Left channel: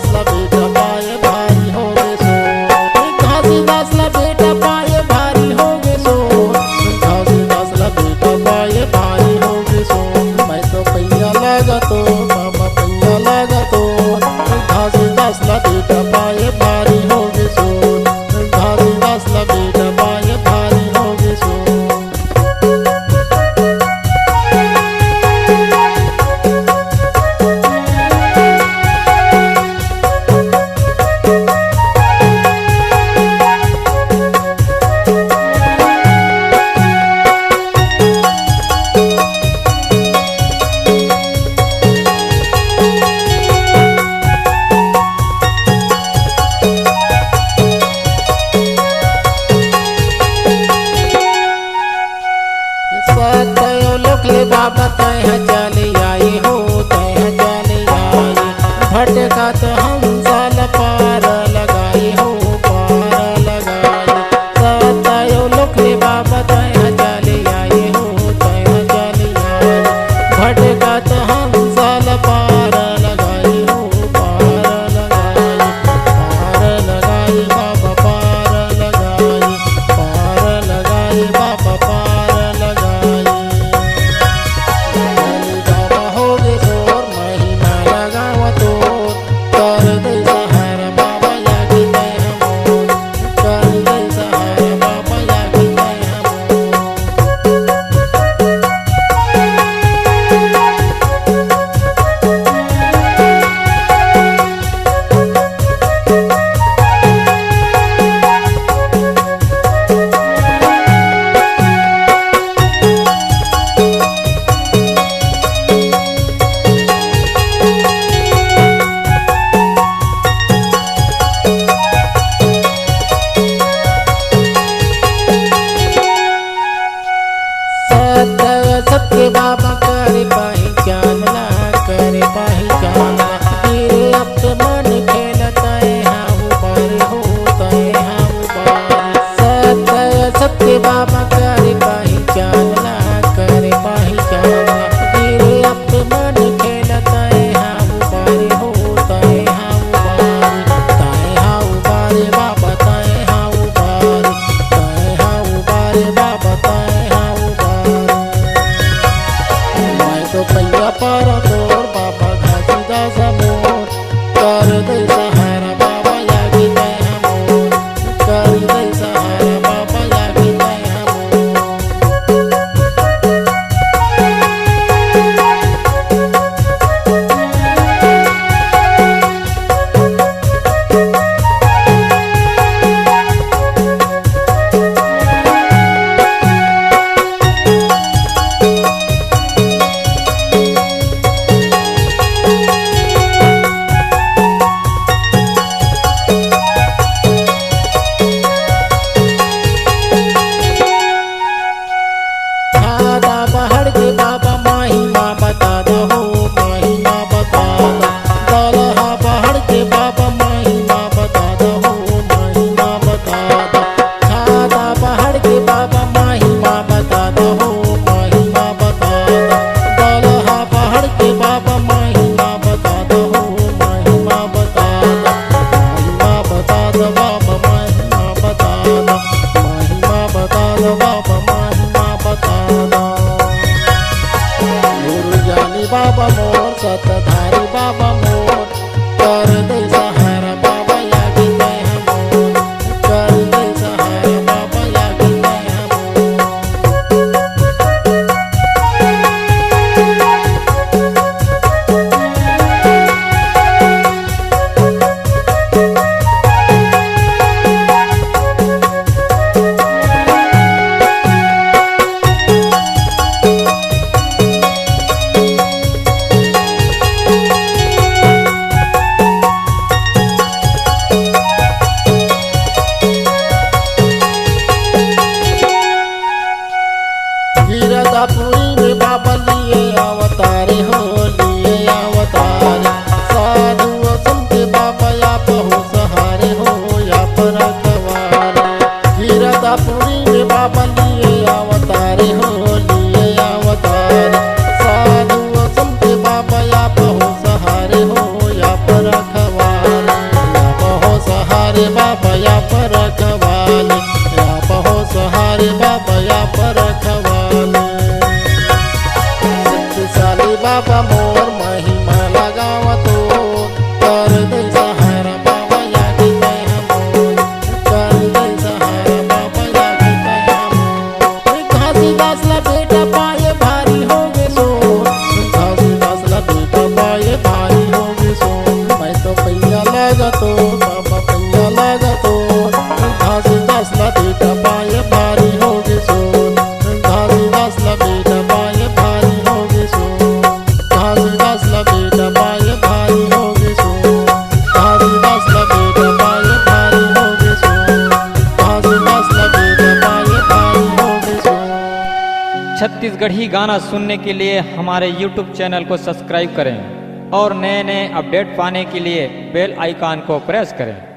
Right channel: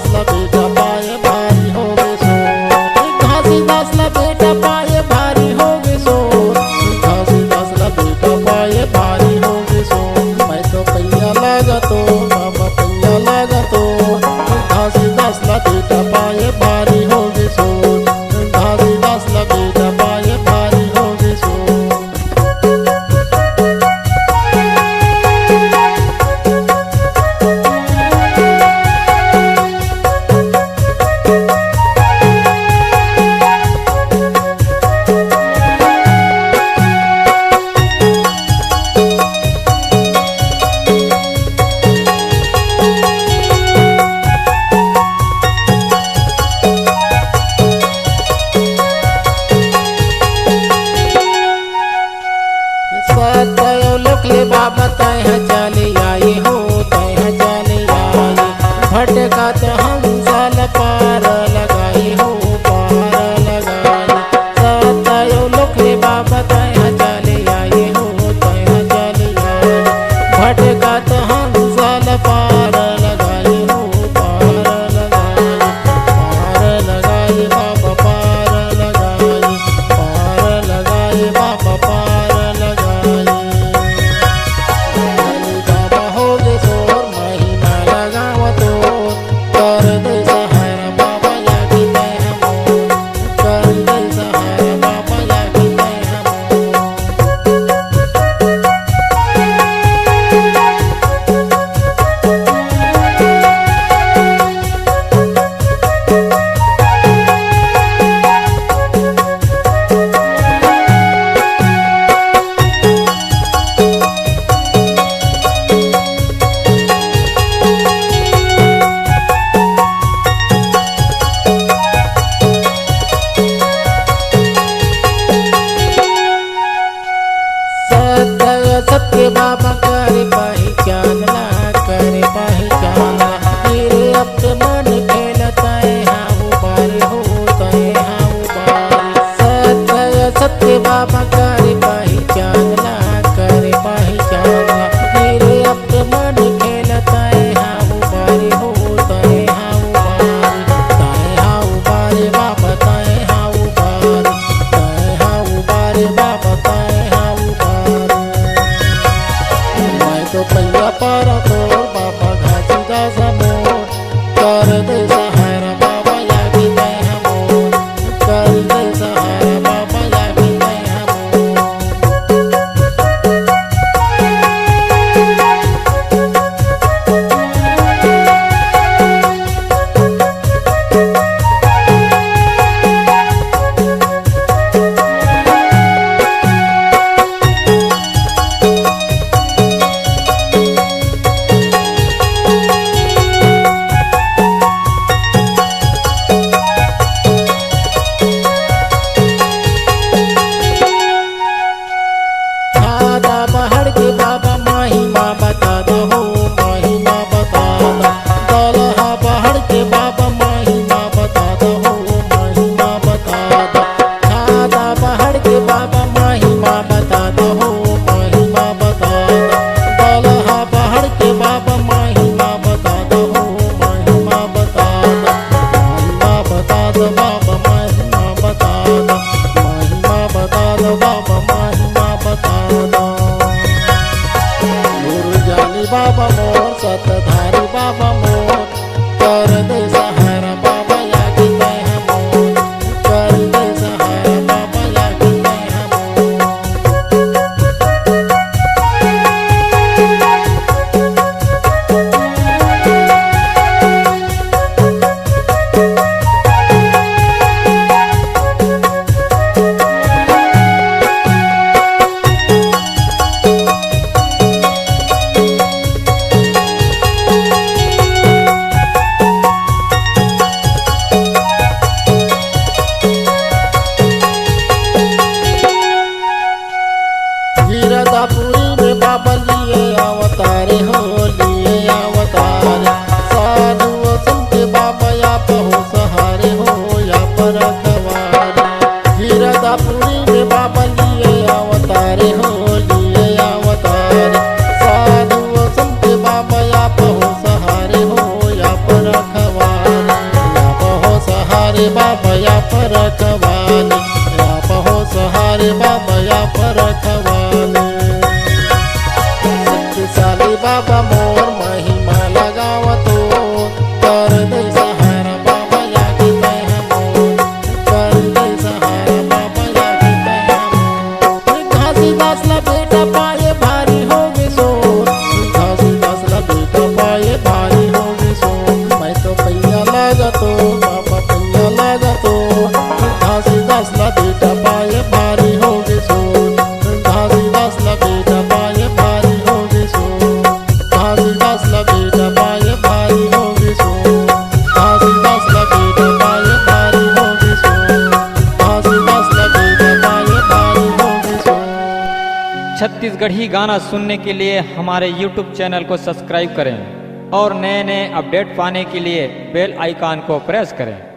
घासीदास ला बेटा पाए भारी हो गए सो, घासीदास ला बेटा पाए भारी हो गए सो, घासीदास ला बेटा पाए भारी हो गए सो। मैं तो पैया लगा तो बाबा पैया लगा तो, घासीदास ला बेटा पाए भारी हो गए सो, घासीदास ला बेटा पाए भारी हो गए सो। तयो लोकले बाबा तय चले आए हो, तय चले आए भटकत हंसल पार लगाए हो, पार लगाए। तयो लोकले बाबा तय चले आए हो, तय चले आए भटकत हंसल पार लगाए हो, पार लगाए, पार लगाए बाबा पार लगाए, पार लगाए बाबा पार लगाए। कर दे सहारा बाबा यागी तय हमो, कर दे सहारा बाबा यागी तय हमो। सत्य बाबा करे पहचानला, करे पहचानला गिरे अब मन खेलता है हाँ बार होता है हाँ बार। सत्य बाबा करे पहचानला, करे पहचानला गिरे अब मन खेलता है हाँ बार होता है हाँ बार। ताए हाँ बार बाबा ताए हाँ बार, ताए हाँ बार बाबा ताए हाँ बार। तो पैया पारा तोर बाबा घासीदास मोर, कर दे सहारा बाबा यागी तय हमोर, कर दे सहारा बाबा यागी तय हमोर। पहाड़ के बाबा महिमा बता दो, महिमा बता दो। दलहा पहाड़ के बाबा महिमा बता दो, महिमा बता दो। छाता पहाड़ के बाबा महिमा बता दो, महिमा बता दो। दलहा पहाड़ के बाबा महिमा बता दो, महिमा बता दो। महिमा बता दो बाबा महिमा बता दो, महिमा बता दो बाबा महिमा बता दो। जानी बाबा मोर सतधारी बाबा मोर, कर दे सहारा बाबा यागी तय हमोर, कर दे सहारा बाबा यागी तय हमोर। गिरदापुरी में बाबा लिए अवतारे हो, लिए अवतारे। साधु संत बाबा या पहो सहारे हो या पर रखवारे। गिरदापुरी में बाबा लिए अवतारे हो, लिए अवतारे। साधु संत बाबा या पहो सहारे हो या पर रखवारे। बाबा या पर रखवाले, आप हो सहारे बाबा या पर रखवाले। शक्तिशाली बाबा मोर महिमा लगावतो, कर दे सहारा बाबा या की तय मोर, कर दे सहारा बाबा या की तय मोर। घासीदास ला बेटा पाए भारी हो गे सो, घासीदास ला बेटा पाए भारी हो गे सो। मैं तो पैया लागतो बाबा पैया लागतो, घासीदास ला बेटा पाए भारी हो गे सो, घासीदास ला बेटा पाए भारी हो गे सो, घासीदास ला बेटा पाए भारी हो गे सो, घासीदास ला बेटा पाए भारी हो गे सो, घासीदास ला बेटा पाए भारी हो गे सो। छत्तीसगढ़ी गाना सुनने के लिए हमारे YouTube चैनल को सब्सक्राइब करें और नए नए अपडेट पाने के लिए बेल आइकन को प्रेस करें।